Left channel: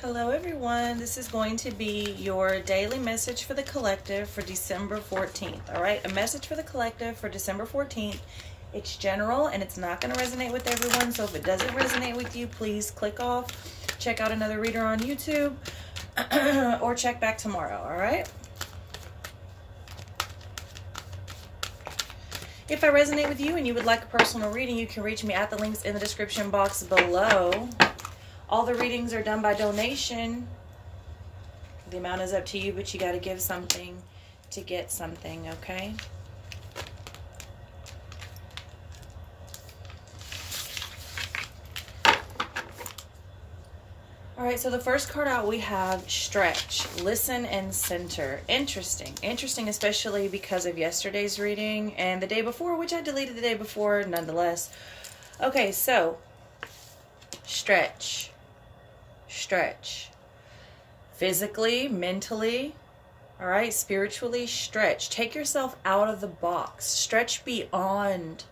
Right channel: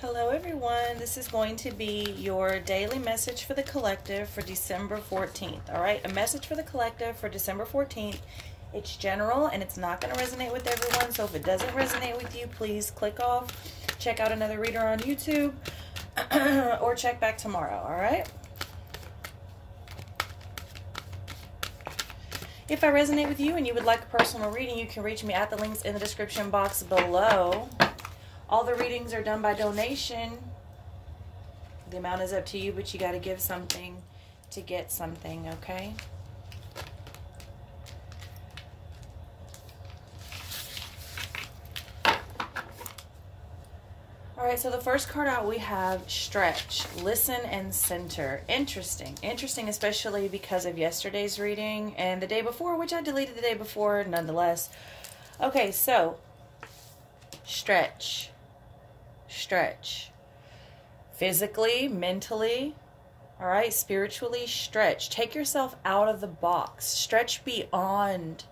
Hello everyone, this is going to be your daily message for the collective for December 14th. All right, a message for the collective for December 14th. It's general and it's not going to resonate with everyone, so if it doesn't resonate with you, please click off, check out another reader on YouTube, or check back tomorrow. All right, if I resonate with you and you would like a personal reading, you can reach me at the links in the description box below. All the readings are done by donation. The amount is up to you, but you got to give something to get something, okay? All right, so the first card out we have stretch, listen, and center. Interesting. Interesting, especially because of yesterday's reading and the day before, which I deleted the day before nonetheless. Okay, so stretch. Stretch. Physically, mentally, all right, spiritually, stretch. Take yourself out of the box. Stretch beyond,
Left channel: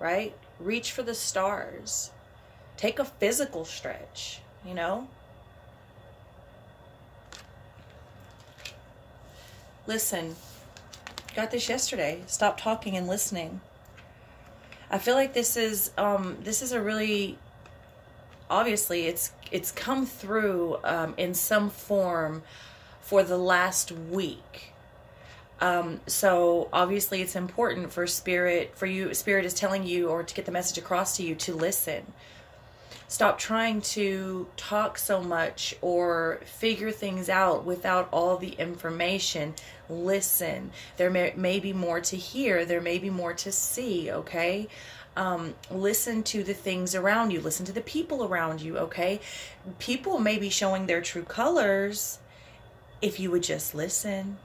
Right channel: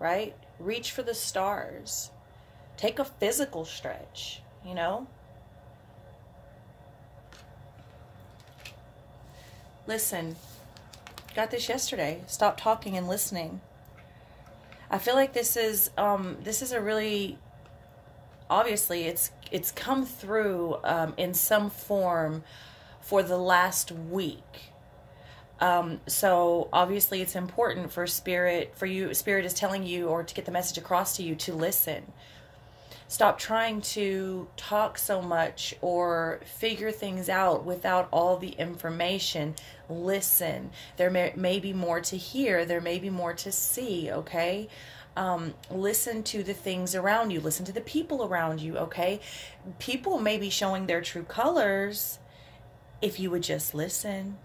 right? Reach for the stars. Take a physical stretch, you know? Listen. Got this yesterday. Stop talking and listening. I feel like this is a really, obviously it's come through in some form for the last week. So obviously it's important for Spirit is telling you, or to get the message across to you, to listen. Stop trying to talk so much or figure things out without all the information. Listen. There may be more to hear. There may be more to see, okay? Listen to the things around you. Listen to the people around you, okay? People may be showing their true colors if you would just listen,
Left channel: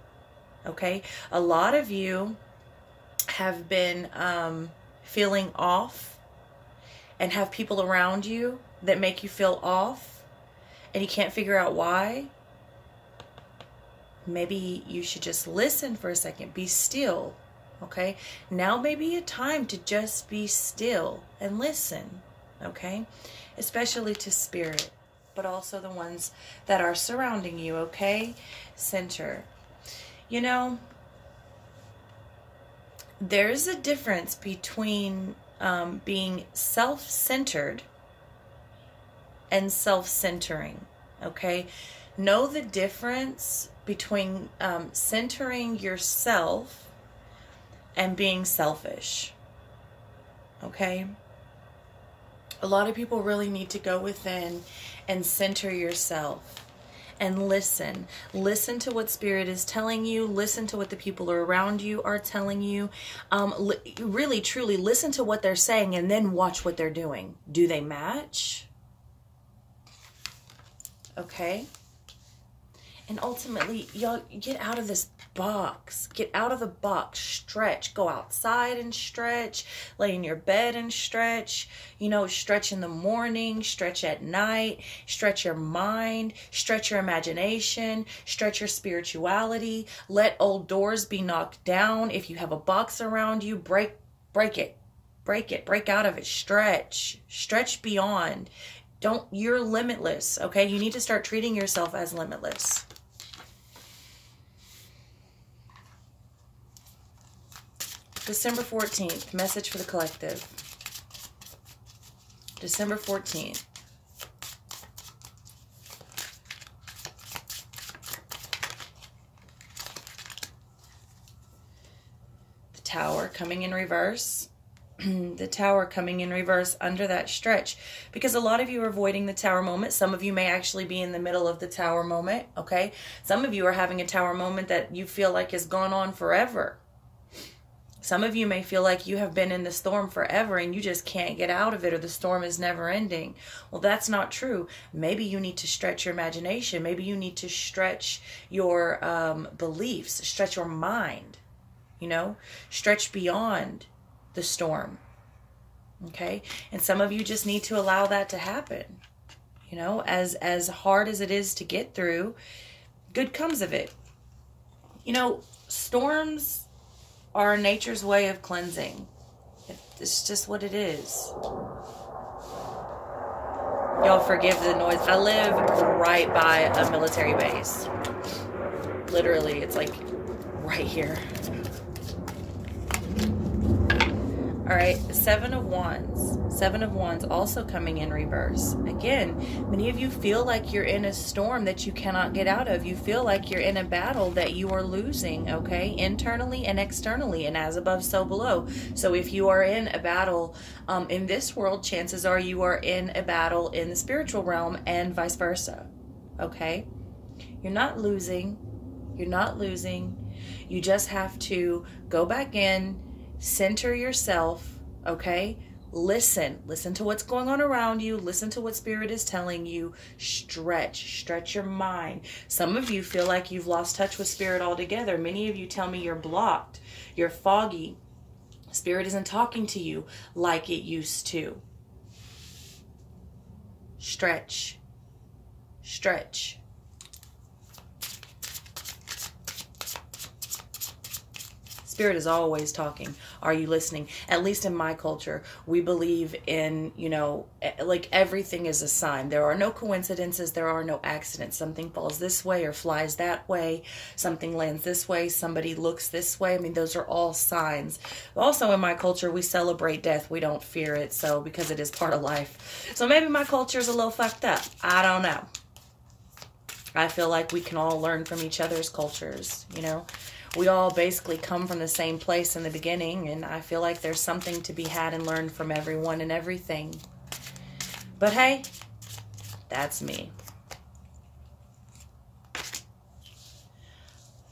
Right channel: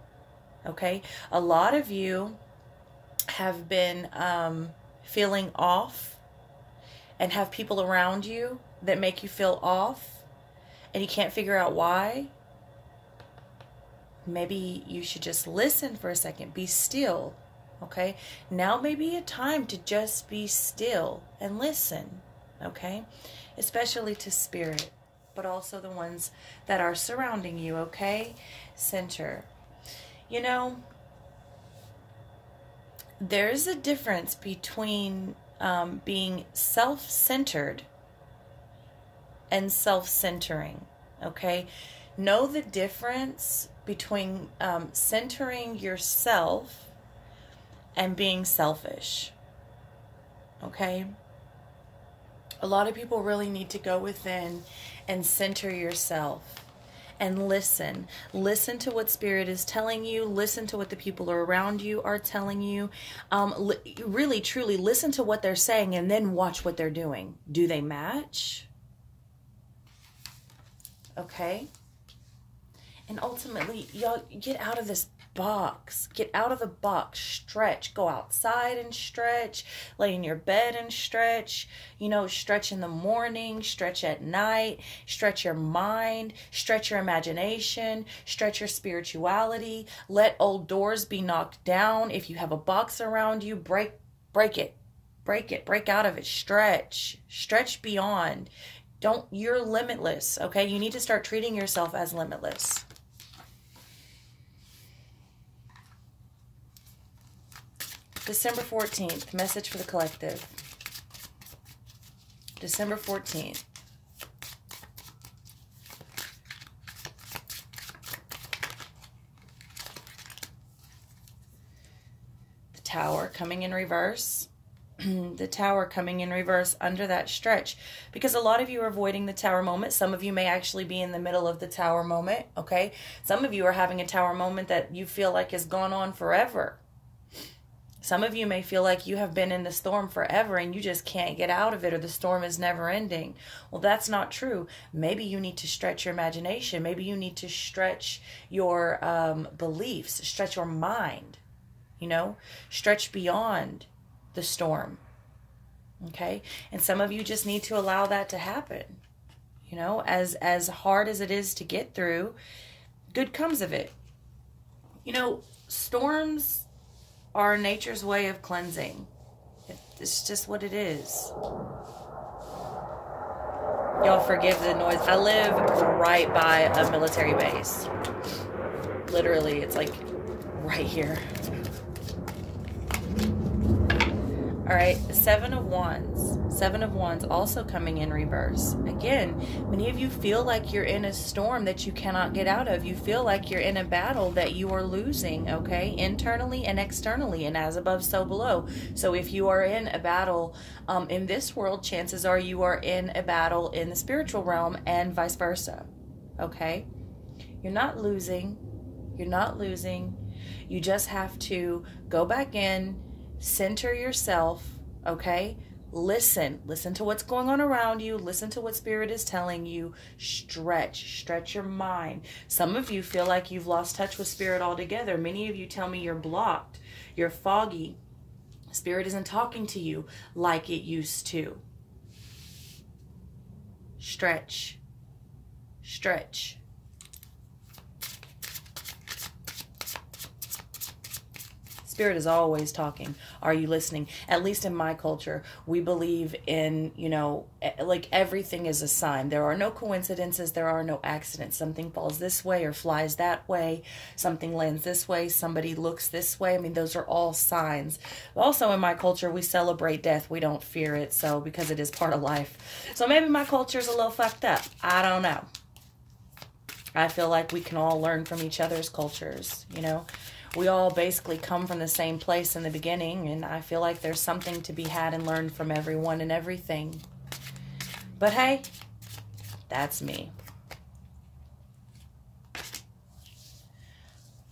okay? A lot of you have been feeling off and have people around you that make you feel off and you can't figure out why. Maybe you should just listen for a second. Be still. Okay, now may be a time to just be still and listen, okay? Especially to Spirit, but also the ones that are surrounding you, okay? Center. You know, there's a difference between being self-centered and self-centering, okay? Know the difference between centering yourself and being selfish, okay? A lot of people really need to go within and center yourself and listen. Listen to what Spirit is telling you. Listen to what the people around you are telling you. Really, truly listen to what they're saying and then watch what they're doing. Do they match? Okay? And ultimately, y'all get out of this box. Get out of the box. Stretch. Go outside and stretch. Lay in your bed and stretch. You know, stretch in the morning. Stretch at night. Stretch your mind. Stretch your imagination. Stretch your spirituality. Let old doors be knocked down. If you have a box around you, break it. Break it. Break out of it. Stretch. Stretch beyond. You're limitless, okay? You need to start treating yourself as limitless. December 14th, message for the collective. December 14th. The Tower coming in reverse. The Tower coming in reverse under that stretch. Because a lot of you are avoiding the Tower moment. Some of you may actually be in the middle of the Tower moment, okay? Some of you are having a Tower moment that you feel like has gone on forever. Some of you may feel like you have been in the storm forever and you just can't get out of it, or the storm is never ending. Well, that's not true. Maybe you need to stretch your imagination. Maybe you need to stretch your beliefs, stretch your mind, you know, stretch beyond the storm. Okay? And some of you just need to allow that to happen. You know, as hard as it is to get through, good comes of it. You know, storms are nature's way of cleansing. It's just what it is. Y'all forgive the noise. I live right by a military base. Literally, it's like right here. All right, Seven of Wands. Seven of Wands also coming in reverse. Again, many of you feel like you're in a storm that you cannot get out of. You feel like you're in a battle that you are losing, okay? Internally and externally, and as above, so below. So if you are in a battle in this world, chances are you are in a battle in the spiritual realm and vice versa, okay? You're not losing. You're not losing. You just have to go back in, center yourself, okay? Listen to what's going on around you. Listen to what Spirit is telling you. Stretch your mind. Some of you feel like you've lost touch with Spirit altogether. Many of you tell me you're blocked, you're foggy. Spirit isn't talking to you like it used to. Stretch. Spirit is always talking. Are you listening? At least in my culture, we believe in, you know, like everything is a sign. There are no coincidences. There are no accidents. Something falls this way or flies that way. Something lands this way. Somebody looks this way. I mean, those are all signs. Also in my culture, we celebrate death. We don't fear it. So because it is part of life. So maybe my culture is a little fucked up. I don't know. I feel like we can all learn from each other's cultures, you know. We all basically come from the same place in the beginning, and I feel like there's something to be had and learned from everyone and everything. But hey, that's me.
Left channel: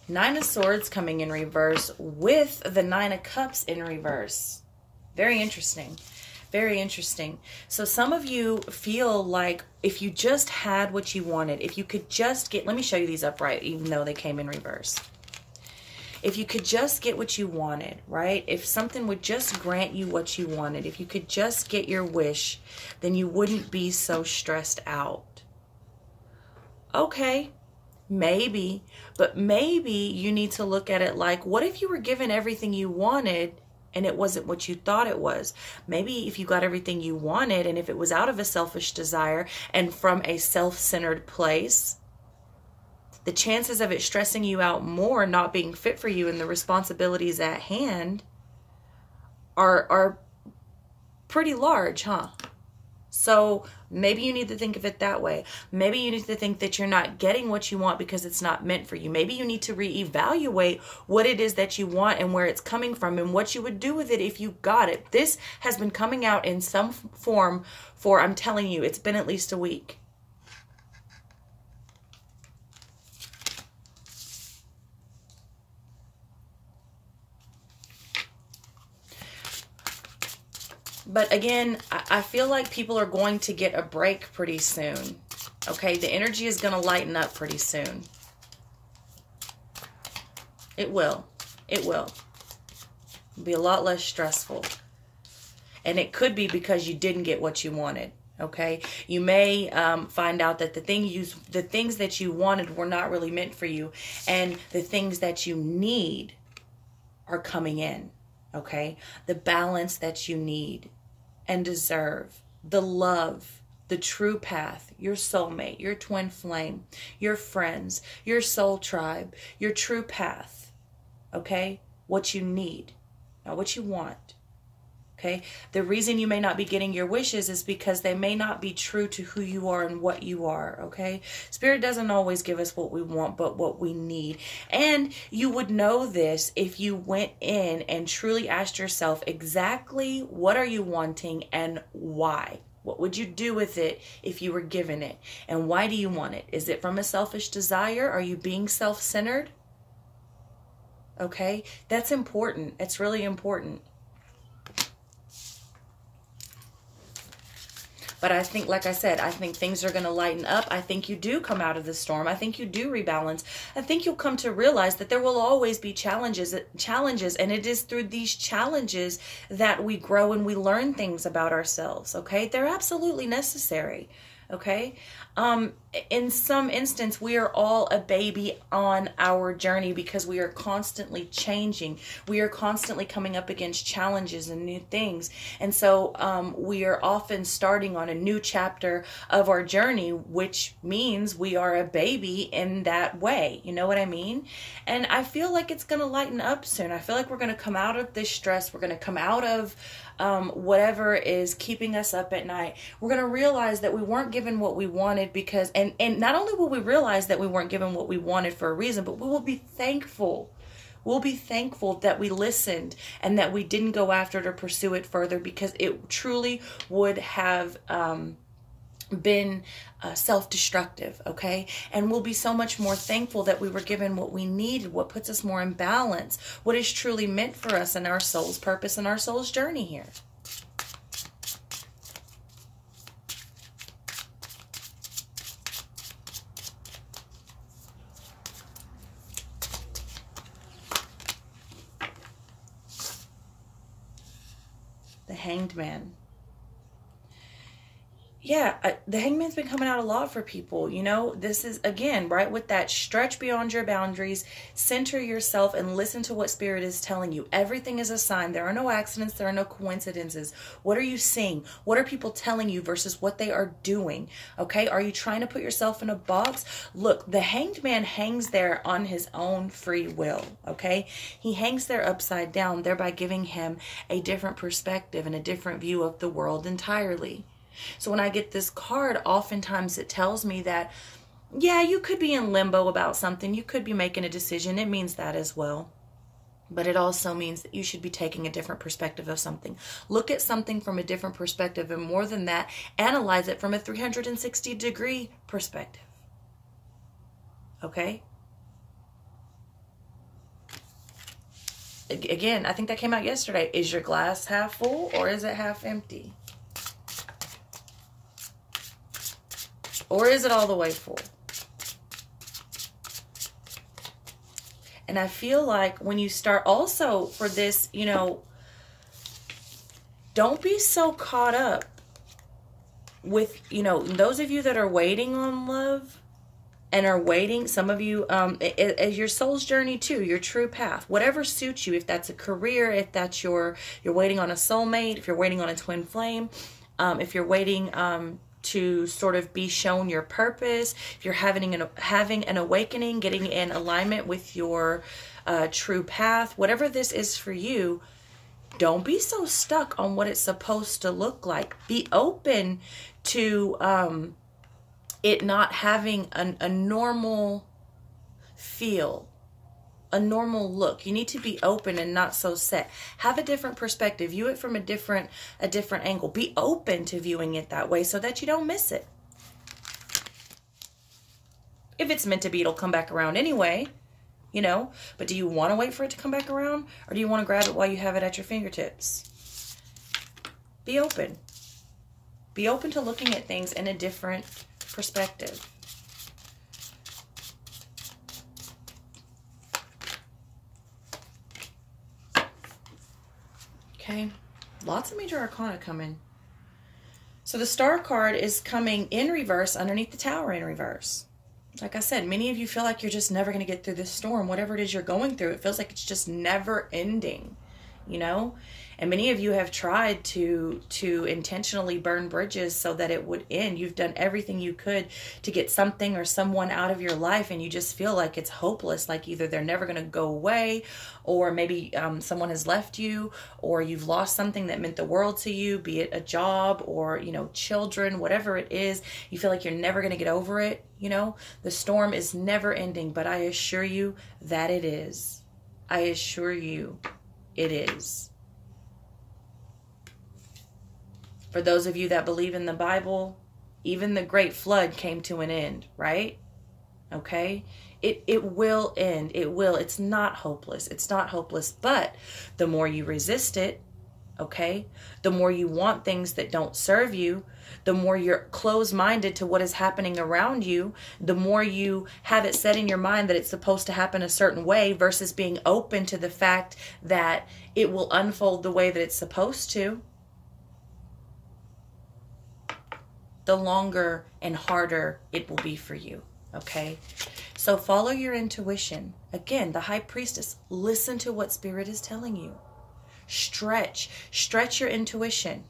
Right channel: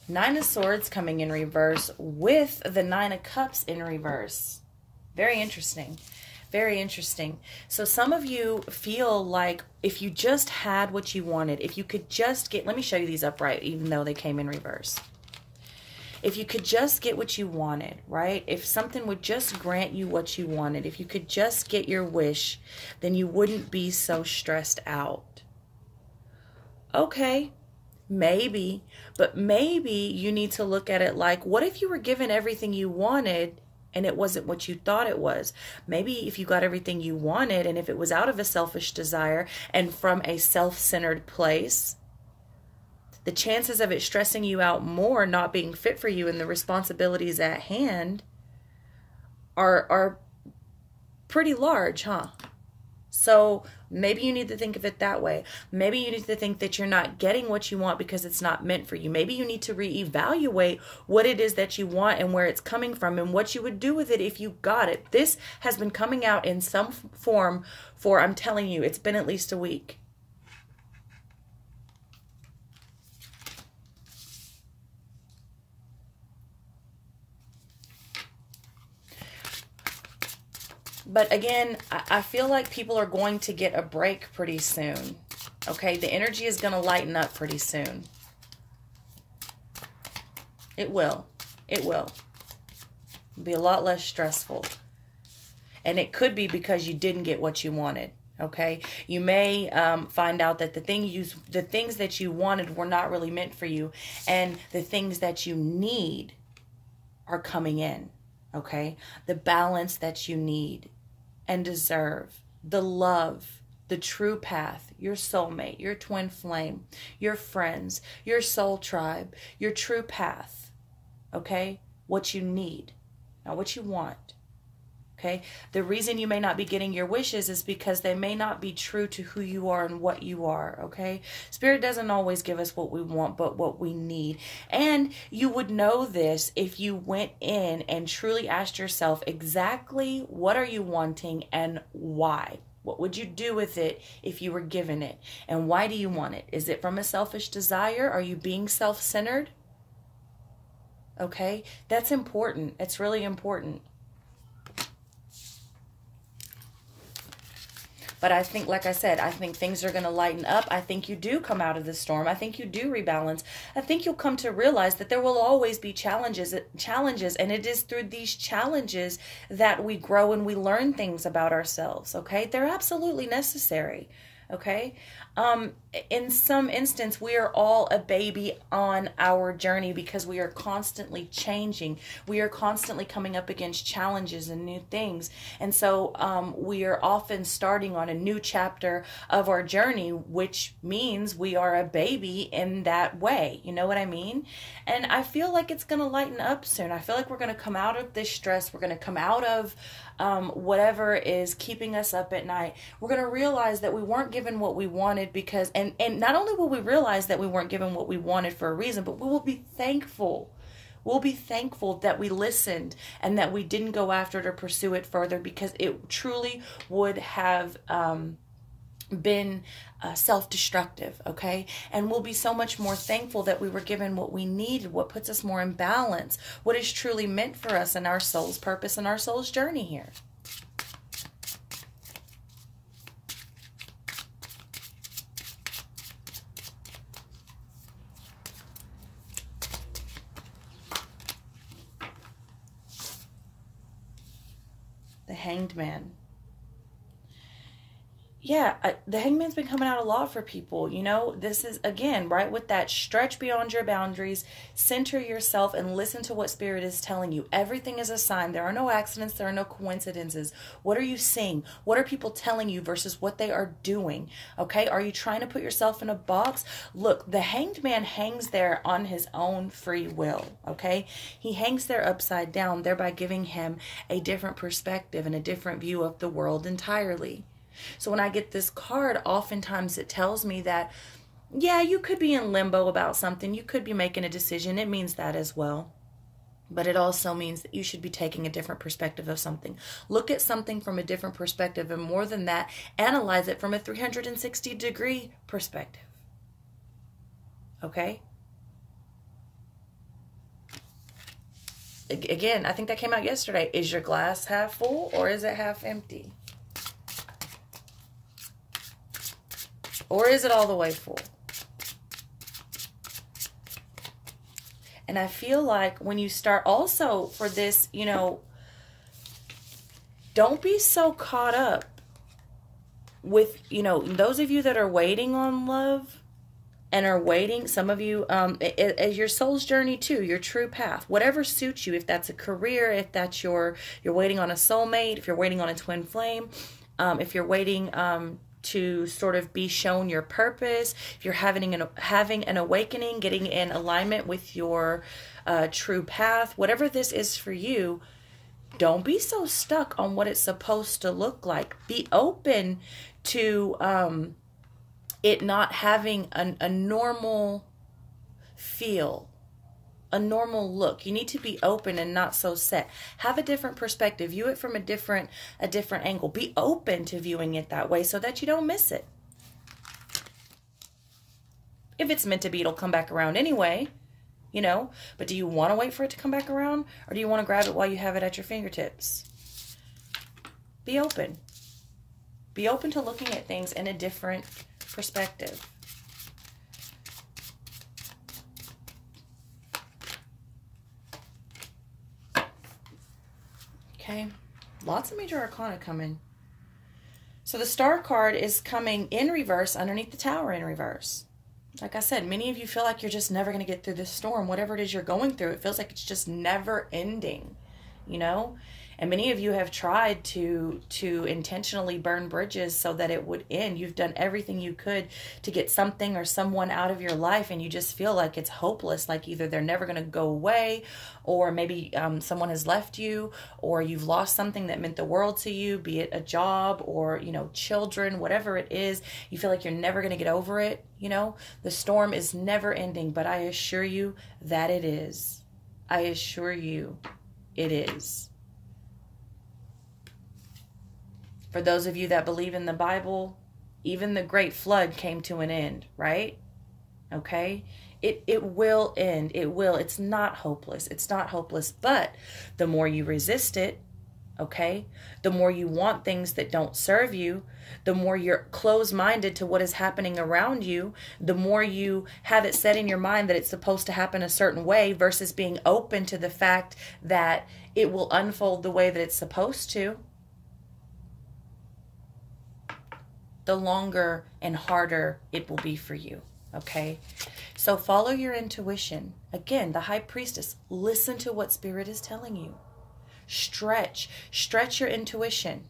Nine of Swords coming in reverse with the Nine of Cups in reverse. Very interesting. Very interesting. So some of you feel like if you just had what you wanted, if you could just get, let me show you these upright, even though they came in reverse. If you could just get what you wanted, right? If something would just grant you what you wanted, if you could just get your wish, then you wouldn't be so stressed out. Okay, maybe, but maybe you need to look at it like, what if you were given everything you wanted and it wasn't what you thought it was? Maybe if you got everything you wanted and if it was out of a selfish desire and from a self-centered place, the chances of it stressing you out more, not being fit for you, and the responsibilities at hand are pretty large, huh? So maybe you need to think of it that way. Maybe you need to think that you're not getting what you want because it's not meant for you. Maybe you need to reevaluate what it is that you want and where it's coming from and what you would do with it if you got it. This has been coming out in some form for, I'm telling you, it's been at least a week. But again, I feel like people are going to get a break pretty soon. Okay, the energy is going to lighten up pretty soon. It will. It will. It'll be a lot less stressful. And it could be because you didn't get what you wanted. Okay, you may find out that the things that you wanted were not really meant for you, and the things that you need are coming in. Okay, the balance that you need and deserve, the love, the true path, your soulmate, your twin flame, your friends, your soul tribe, your true path, okay? What you need, not what you want, okay? The reason you may not be getting your wishes is because they may not be true to who you are and what you are, okay? Spirit doesn't always give us what we want, but what we need. And you would know this if you went in and truly asked yourself exactly what are you wanting and why? What would you do with it if you were given it? And why do you want it? Is it from a selfish desire? Are you being self-centered? Okay, that's important. It's really important. But I think, like I said, I think things are going to lighten up. I think you do come out of the storm. I think you do rebalance. I think you'll come to realize that there will always be challenges, and it is through these challenges that we grow and we learn things about ourselves, okay? They're absolutely necessary, okay? in some instance, we are all a baby on our journey because we are constantly changing. We are constantly coming up against challenges and new things. And so we are often starting on a new chapter of our journey, which means we are a baby in that way. You know what I mean? And I feel like it's going to lighten up soon. I feel like we're going to come out of this stress. We're going to come out of whatever is keeping us up at night. We're going to realize that we weren't given what we wanted because, and not only will we realize that we weren't given what we wanted for a reason, but we will be thankful. We'll be thankful that we listened and that we didn't go after it or pursue it further, because it truly would have been self-destructive, okay? And we'll be so much more thankful that we were given what we needed, what puts us more in balance, what is truly meant for us and our soul's purpose and our soul's journey here. The Hanged Man. Yeah, the Hangman's been coming out a lot for people. You know, this is, again, right, with that stretch beyond your boundaries, center yourself and listen to what Spirit is telling you. Everything is a sign. There are no accidents. There are no coincidences. What are you seeing? What are people telling you versus what they are doing? Okay, are you trying to put yourself in a box? Look, the Hanged Man hangs there on his own free will, okay? He hangs there upside down, thereby giving him a different perspective and a different view of the world entirely. So when I get this card, oftentimes it tells me that, yeah, you could be in limbo about something. You could be making a decision. It means that as well. But it also means that you should be taking a different perspective of something. Look at something from a different perspective. And more than that, analyze it from a 360-degree perspective. Okay? Again, I think that came out yesterday. Is your glass half full or is it half empty? Or is it all the way full? And I feel like when you start also for this, you know, don't be so caught up with, you know, those of you that are waiting on love and are waiting, some of you, as your soul's journey too, your true path, whatever suits you, if that's a career, if that's you're waiting on a soulmate, if you're waiting on a twin flame, if you're waiting, to sort of be shown your purpose, if you're having an awakening, getting in alignment with your true path, whatever this is for you, don't be so stuck on what it's supposed to look like. Be open to it not having a normal feel, a normal look. You need to be open and not so set. Have a different perspective. View it from a different angle. Be open to viewing it that way so that you don't miss it. If it's meant to be, it'll come back around anyway, you know. But do you want to wait for it to come back around, or do you want to grab it while you have it at your fingertips? Be open. Be open to looking at things in a different perspective. Okay, lots of major arcana coming. So the Star card is coming in reverse underneath the Tower in reverse. Like I said, many of you feel like you're just never going to get through this storm. Whatever it is you're going through, it feels like it's just never ending, you know? And many of you have tried to intentionally burn bridges so that it would end. You've done everything you could to get something or someone out of your life, and you just feel like it's hopeless, like either they're never going to go away, or maybe someone has left you, or you've lost something that meant the world to you, be it a job or, you know, children, whatever it is. You feel like you're never going to get over it, you know? The storm is never ending, but I assure you that it is. I assure you it is. For those of you that believe in the Bible, even the great flood came to an end, right? Okay? It will end. It will. It's not hopeless. It's not hopeless. But the more you resist it, okay, the more you want things that don't serve you, the more you're closed-minded to what is happening around you, the more you have it set in your mind that it's supposed to happen a certain way versus being open to the fact that it will unfold the way that it's supposed to. the longer and harder it will be for you. Okay? So follow your intuition. Again, the High Priestess, listen to what Spirit is telling you. Stretch your intuition.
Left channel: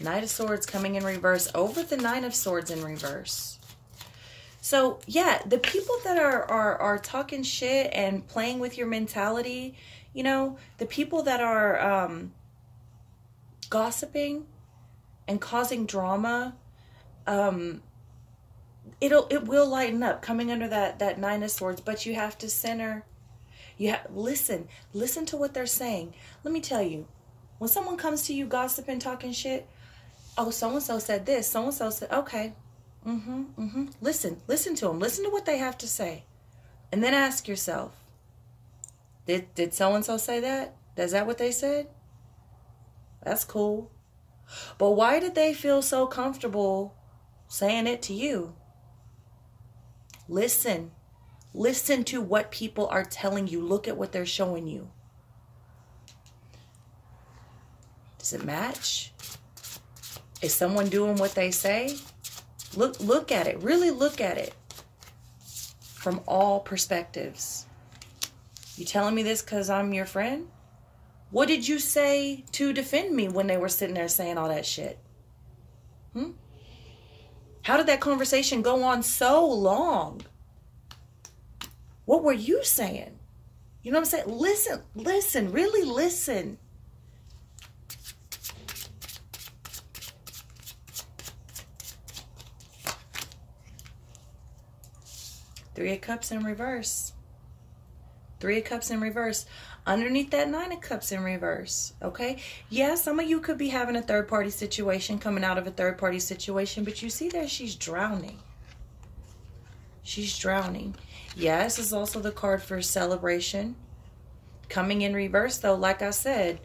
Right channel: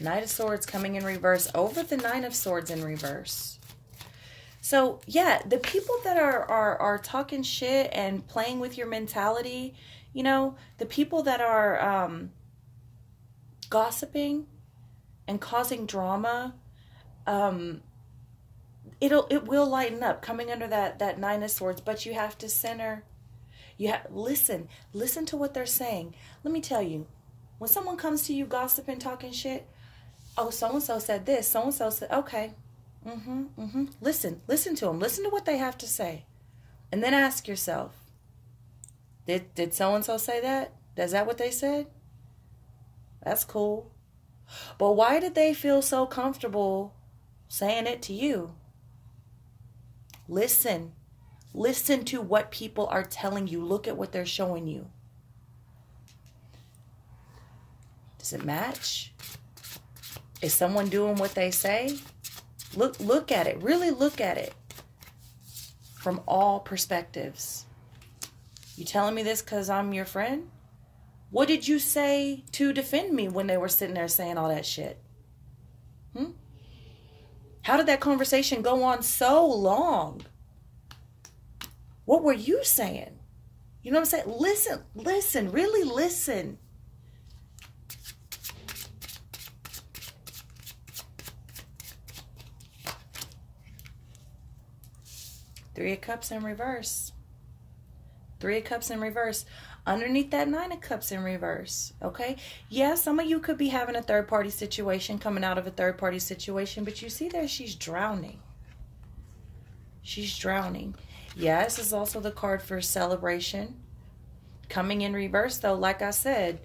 Knight of Swords coming in reverse over the Nine of Swords in reverse. So, yeah, the people that are talking shit and playing with your mentality, you know, the people that are gossiping and causing drama, it will lighten up coming under that Nine of Swords, but you have to center. Listen to what they're saying. Let me tell you, when someone comes to you gossiping, talking shit, oh, so-and-so said this, so-and-so said, okay. Listen to them. Listen to what they have to say. And then ask yourself, did so-and-so say that? Is that what they said? That's cool. But why did they feel so comfortable saying it to you? Listen. Listen to what people are telling you. Look at what they're showing you. Does it match? Is someone doing what they say? Look at it. Really look at it from all perspectives. You telling me this because I'm your friend? What did you say to defend me when they were sitting there saying all that shit? How did that conversation go on so long? What were you saying? You know what I'm saying? Listen, really listen. Three of Cups in reverse. Three of Cups in reverse. Underneath that Nine of Cups in reverse. Okay? Yeah, some of you could be having a third-party situation, coming out of a third-party situation, but you see there she's drowning. She's drowning. Yeah, this is also the card for celebration. Coming in reverse, though, like I said,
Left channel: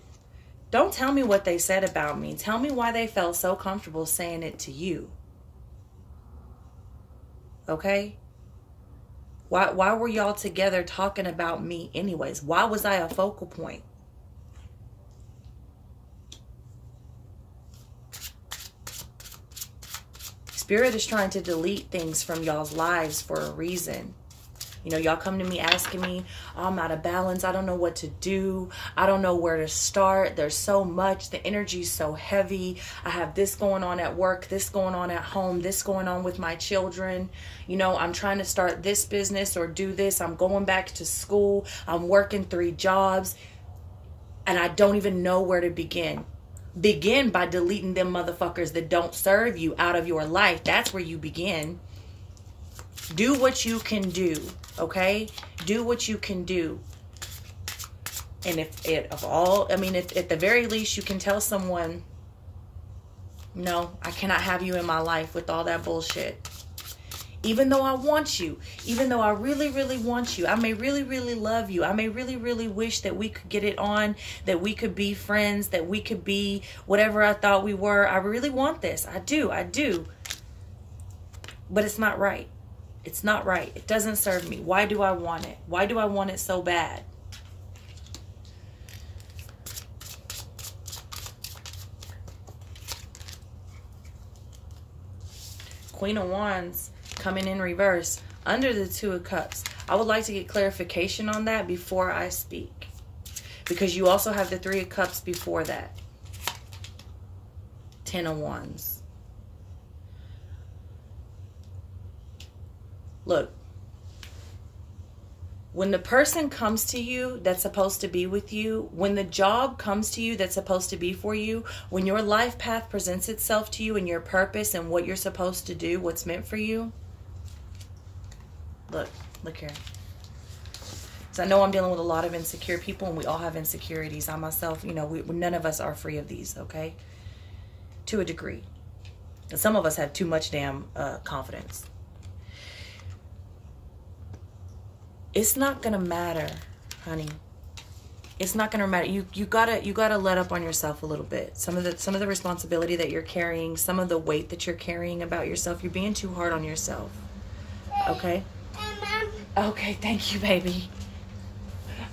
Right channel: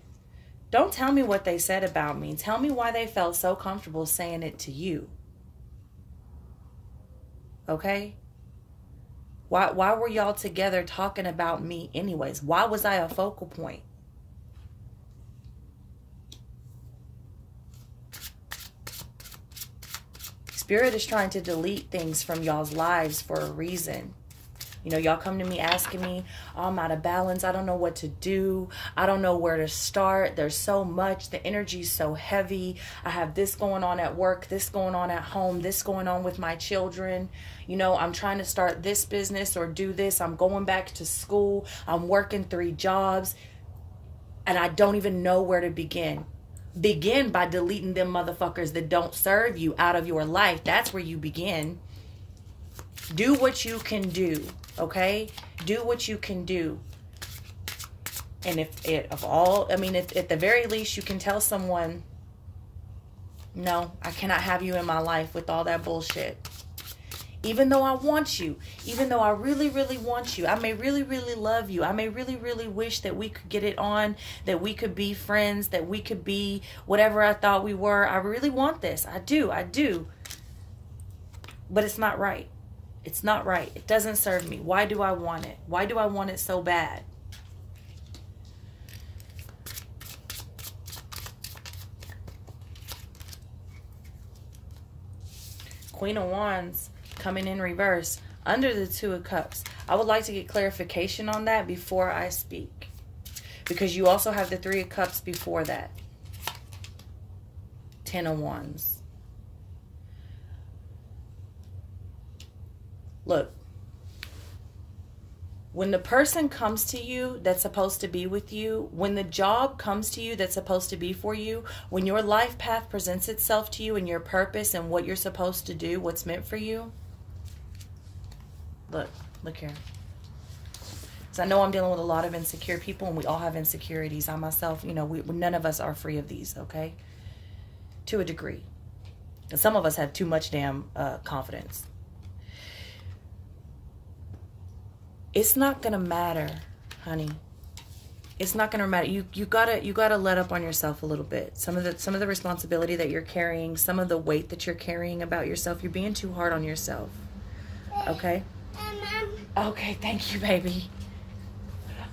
don't tell me what they said about me. Tell me why they felt so comfortable saying it to you. Okay? Why were y'all together talking about me anyways? Why was I a focal point? Spirit is trying to delete things from y'all's lives for a reason. You know, y'all come to me asking me, oh, I'm out of balance. I don't know what to do. I don't know where to start. There's so much. The energy's so heavy. I have this going on at work, this going on at home, this going on with my children. You know, I'm trying to start this business or do this. I'm going back to school. I'm working 3 jobs. And I don't even know where to begin. Begin by deleting them motherfuckers that don't serve you out of your life. That's where you begin. Do what you can do, okay? Do what you can do. And if at the very least you can tell someone, no, I cannot have you in my life with all that bullshit. Even though I want you, even though I really, really want you, I may really, really love you. I may really, really wish that we could get it on, that we could be friends, that we could be whatever I thought we were. I really want this. I do. But it's not right. It's not right. It doesn't serve me. Why do I want it? Why do I want it so bad? Queen of Wands coming in reverse under the Two of Cups. I would like to get clarification on that before I speak, because you also have the Three of Cups before that. 10 of Wands. Look, when the person comes to you that's supposed to be with you, when the job comes to you that's supposed to be for you, when your life path presents itself to you and your purpose and what you're supposed to do, what's meant for you. Look here. So I know I'm dealing with a lot of insecure people, and we all have insecurities. I myself, you know, none of us are free of these, okay? To a degree. And some of us have too much damn confidence. It's not going to matter, honey. It's not going to matter. You gotta let up on yourself a little bit. Some of the responsibility that you're carrying, some of the weight that you're carrying about yourself, you're being too hard on yourself. Okay? Okay, thank you, baby.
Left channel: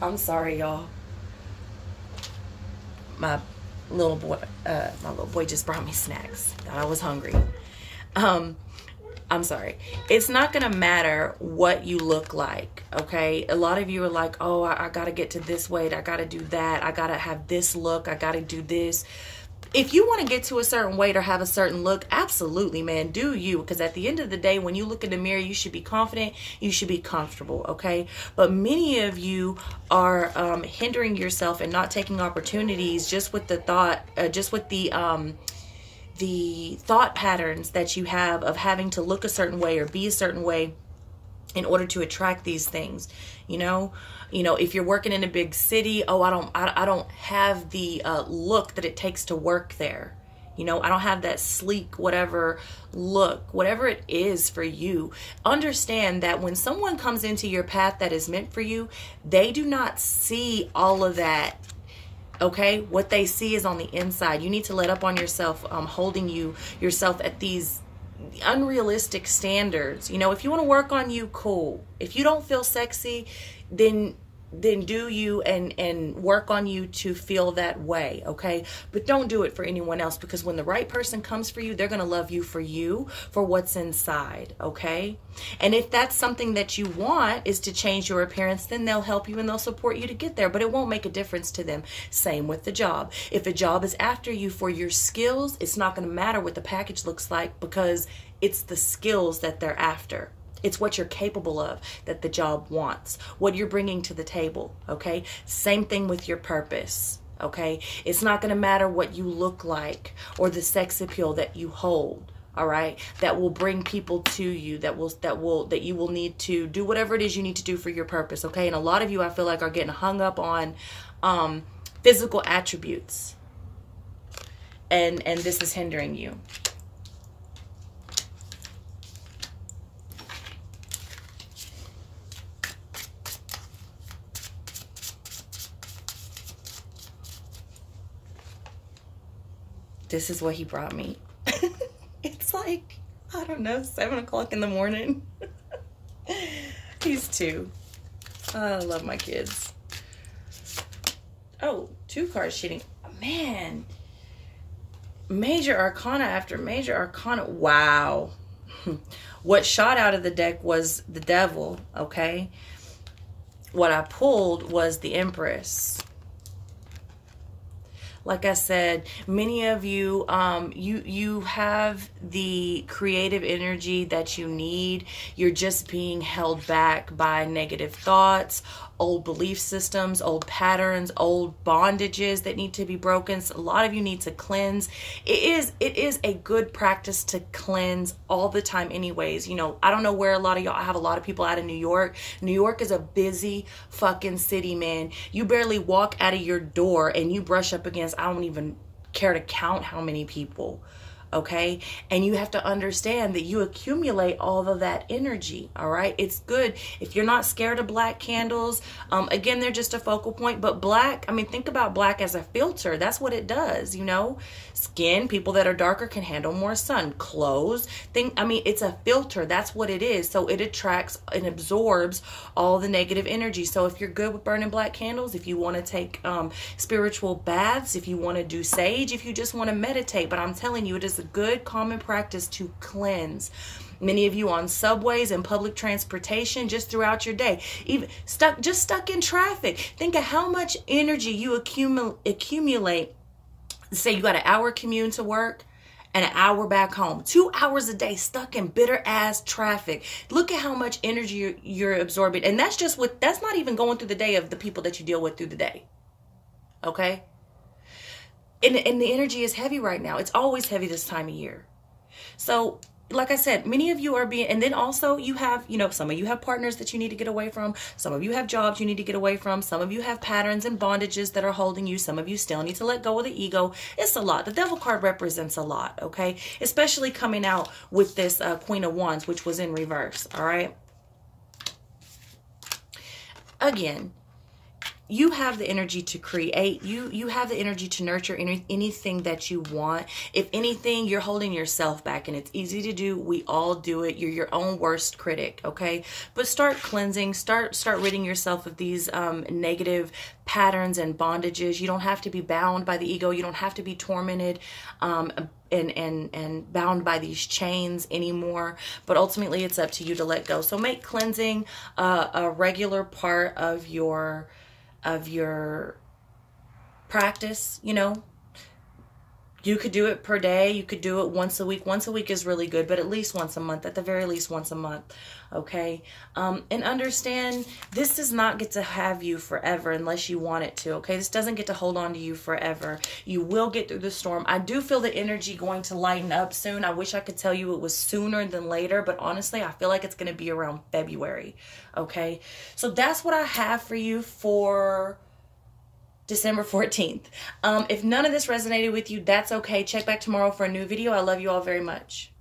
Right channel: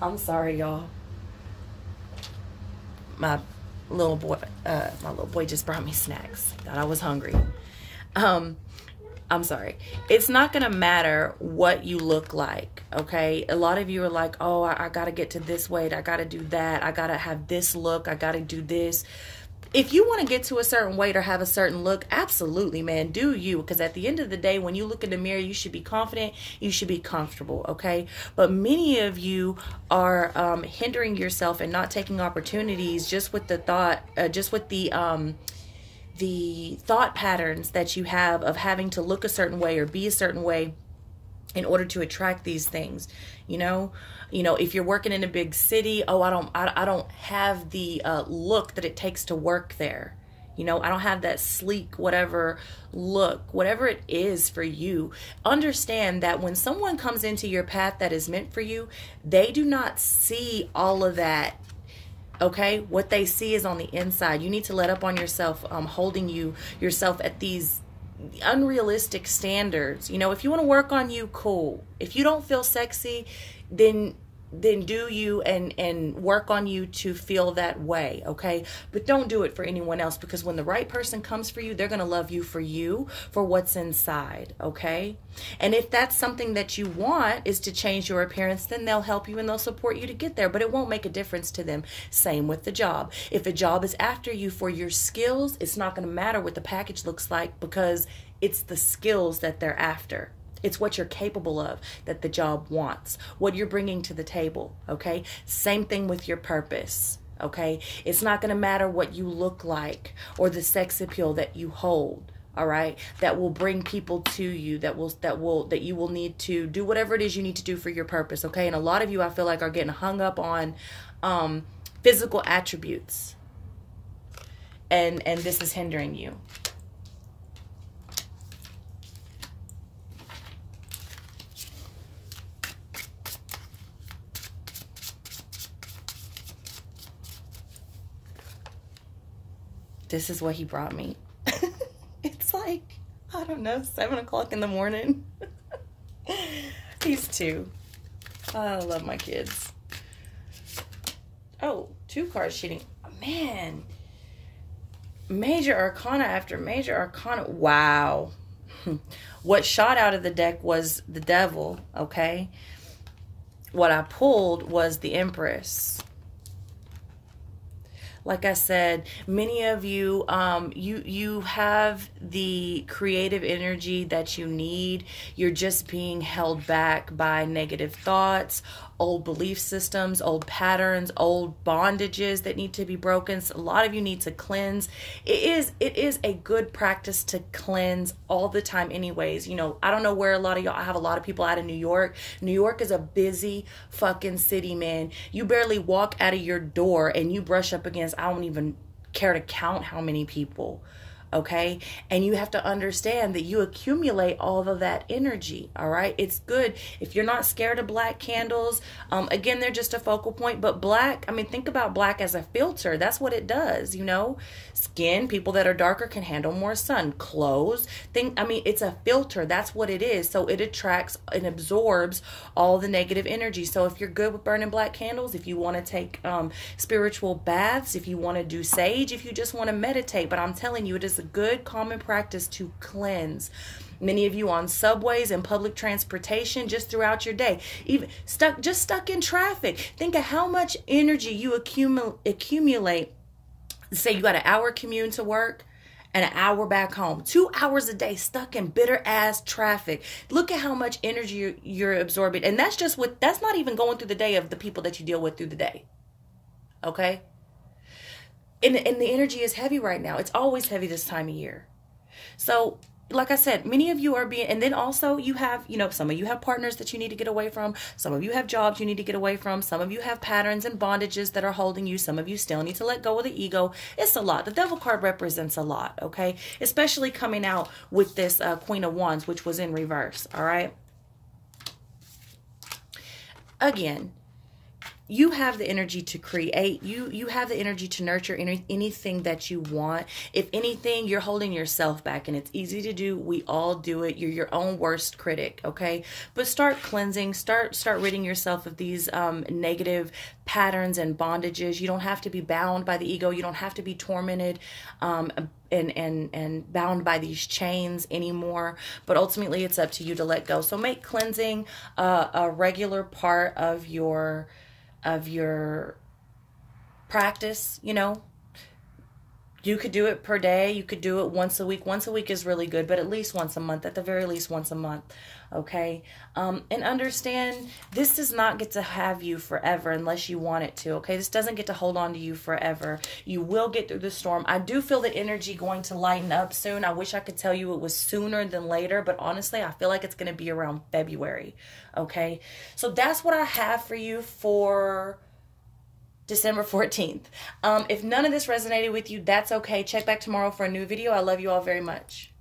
I'm sorry, y'all. My little boy just brought me snacks. Thought I was hungry. I'm sorry. It's not going to matter what you look like, okay? A lot of you are like, oh, I got to get to this weight. I got to do that. I got to have this look. I got to do this. If you want to get to a certain weight or have a certain look, absolutely, man, do you. Because at the end of the day, when you look in the mirror, you should be confident. You should be comfortable, okay? But many of you are hindering yourself and not taking opportunities just with the thought, the thought patterns that you have of having to look a certain way or be a certain way in order to attract these things. You know, if you're working in a big city, oh, I don't have the look that it takes to work there. You know, I don't have that sleek, whatever look, whatever it is for you. Understand that when someone comes into your path that is meant for you, they do not see all of that. Okay, what they see is on the inside. You need to let up on yourself, holding yourself at these unrealistic standards. You know, if you want to work on you, cool. If you don't feel sexy, then do you and work on you to feel that way, okay? But don't do it for anyone else, because when the right person comes for you, they're going to love you for what's inside, okay? And if that's something that you want is to change your appearance, then they'll help you and they'll support you to get there, but it won't make a difference to them. Same with the job. If a job is after you for your skills, it's not going to matter what the package looks like, because it's the skills that they're after. It's what you're capable of that the job wants, what you're bringing to the table, okay? Same thing with your purpose, okay? It's not going to matter what you look like or the sex appeal that you hold, all right? That will bring people to you, that you will need to do whatever it is you need to do for your purpose, okay? And a lot of you, I feel like, are getting hung up on physical attributes, and this is hindering you. This is what he brought me. It's like, I don't know, 7 o'clock in the morning. He's 2. I love my kids. Oh, 2 cards cheating. Man. Major Arcana after Major Arcana. Wow. What shot out of the deck was the Devil, okay? What I pulled was the Empress. Like I said, many of you, you have the creative energy that you need. You're just being held back by negative thoughts, old belief systems, old patterns, old bondages that need to be broken. So a lot of you need to cleanse. It is a good practice to cleanse all the time anyways. You know, I don't know where a lot of y'all, I have a lot of people out of New York. New York is a busy fucking city, man. You barely walk out of your door and you brush up against, I don't even care to count how many people. Okay, and you have to understand that you accumulate all of that energy. All right, it's good if you're not scared of black candles. Again, they're just a focal point, but black, I mean, think about black as a filter. That's what it does, you know. Skin, people that are darker can handle more sun. Clothes, I mean, it's a filter. That's what it is. So it attracts and absorbs all the negative energy. So if you're good with burning black candles, if you want to take spiritual baths, if you want to do sage, if you just want to meditate, but I'm telling you, it is a good common practice to cleanse. Many of you on subways and public transportation, just throughout your day, even stuck in traffic. Think of how much energy you accumulate. Say you got an hour commute to work and an hour back home. 2 hours a day stuck in bitter ass traffic. Look at how much energy you're absorbing. And that's just that's not even going through the day of the people that you deal with through the day. Okay? And the energy is heavy right now. It's always heavy this time of year. So, like I said, many of you are being, and then also you have, you know, some of you have partners that you need to get away from. Some of you have jobs you need to get away from. Some of you have patterns and bondages that are holding you. Some of you still need to let go of the ego. It's a lot. The Devil card represents a lot, okay? Especially coming out with this Queen of Wands, which was in reverse, all right? Again, you have the energy to create. You have the energy to nurture anything that you want. If anything, you're holding yourself back, and it's easy to do. We all do it. You're your own worst critic, okay? But start cleansing. Start ridding yourself of these negative patterns and bondages. You don't have to be bound by the ego. You don't have to be tormented and bound by these chains anymore. But ultimately, it's up to you to let go. So make cleansing a regular part of your practice. You know, you could do it per day. You could do it once a week. Once a week is really good, but at least once a month, at the very least once a month. Okay. And understand, this does not get to have you forever unless you want it to. Okay. This doesn't get to hold on to you forever. You will get through the storm. I do feel the energy going to lighten up soon. I wish I could tell you it was sooner than later, but honestly, I feel like it's going to be around February. Okay. So that's what I have for you for December 14th. If none of this resonated with you, that's okay. Check back tomorrow for a new video. I love you all very much.